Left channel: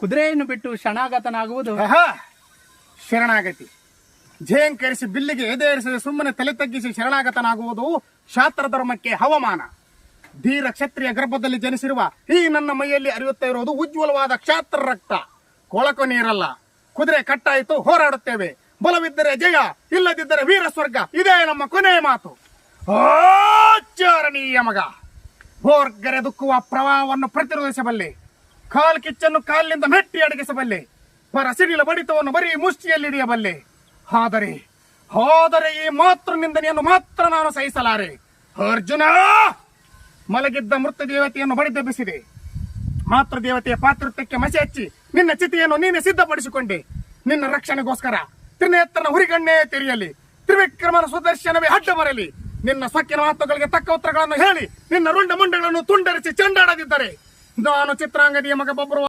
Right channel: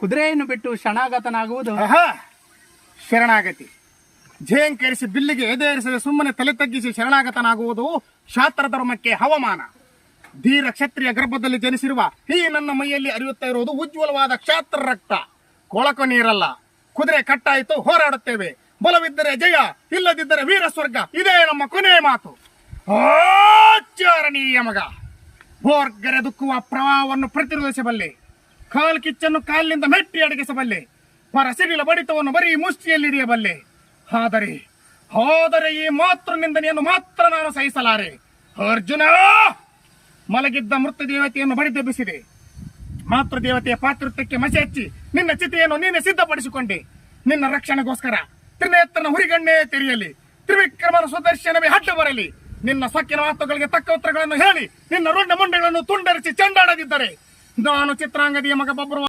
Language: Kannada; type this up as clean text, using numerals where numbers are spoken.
ಕುದುರೆಯನ್ನು ಬಿಟ್ಟು ಶರಣಾಗತನಾಗುವುದು ಶರಣಾಗತಿ ಝೇಂಕರಿಸಿ ಬಿಲ್ಲಿಗೆ ಎದೆರಿಸದೆ ಸುಮ್ಮನೆ ತಲೆ ತಗ್ಗಿಸಿ ಶರಣಾಗತನಾಗುವುದು ಶಾಸ್ತ್ರ ಧರ್ಮಕ್ಕೆ ಹವಮಾನ. ಧೀರ ಕ್ಷತ್ರಿಯ ಗರ್ಭದಲ್ಲಿ ಜನಿಸಿರುವ ಈ ನನ್ನ ಮೈಯಲ್ಲಿ ಹರಿಯುತ್ತಾ ಇರುವುದು ಉಜ್ವಲವಾದ ಕ್ಷಾತ್ರ ರಕ್ತ. ಕೊಳಕು ನೀರಲ್ಲ. ಕುದುರೆ ಕಟ್ಟಾಯಿತು, ಹೋರಾಡುತ್ತೇವೆ. ಬಲವಿದ್ದರೆ ಜಯ, ಇಲ್ಲದಿದ್ದರೆ ವೀರ ಸ್ವರ್ಗ. ಇದೇ ನಮ್ಮ ಕೊನೆಯ ಮಾತು. ಆಚರಣೀಯ ಮಗ, ಬೋರ್ಗರೆದುಕ್ಕುವ ಪ್ರವಾಹವನ್ನು ಪ್ರತಿರೋಧಿಸಬಲ್ಲೆ. ಕಾಲ್ ಕಿಚ್ಚನ್ನು ಕಾಲಿನಿಂದ ಮೆಟ್ಟಿ ಅಡಗಿಸಬಲ್ಲೆ. ಪರ ಸಿಡಿಲ ಬಡಿತವನ್ನು ಬರೀ ಮುಷ್ಟಿಯಲ್ಲಿ ಹಿಡಿಯಬಲ್ಲೆ. ಆದರೆ ಈ ಮಾತೃ ನಿಂದನೆಯನ್ನು ಮಾತ್ರ ನಾನು ಸಹಿಸಲಾರೆ. ಅರ್ಜುನ, ಮಲಗಿದ್ದ ಮೃತ ದೇವತೆಯನ್ನು ಬಡಿದೆಬ್ಬಿಸಿದೆ. ಮಾತೃ ದೇವತೆಯ ಪಾತೃತ್ವಕ್ಕೆ ಮಸಿ ಹಚ್ಚಿ ನಿನ್ನ ಚಿತೆಯನ್ನು ನೀನೆ ಸಿದ್ಧಪಡಿಸಿಕೊಂಡೆ. ನಿನ್ನ ರಕ್ಷಣೆಗೋಸ್ಕರ ತ್ರಿನೇತ್ರನ ಹುರಿಗಣ್ಣೇ ತೆರೆಯಲಿ, ತ್ರಿವಿಕ್ರಮನ ಸುದರ್ಶನವೇ ಅಡ್ಡ ಬರಲಿ. ನಿನ್ನ ಸೊಕ್ಕಿನ ಮಾತುಗಳಿಗೆ ತಕ್ಕ ಉತ್ತರಗಳನ್ನು ಹೇಳಿ ನಿನ್ನ ರುಂಡ ಮುಂಡಗಳನ್ನು ತುಂಡರಿಸಿ ಚೆಂಡಾಡದಿದ್ದರೆ ನಾನು ಚಿತ್ರಾಂಗದಿಯ ಮಗ ಬೊಬ್ಬರು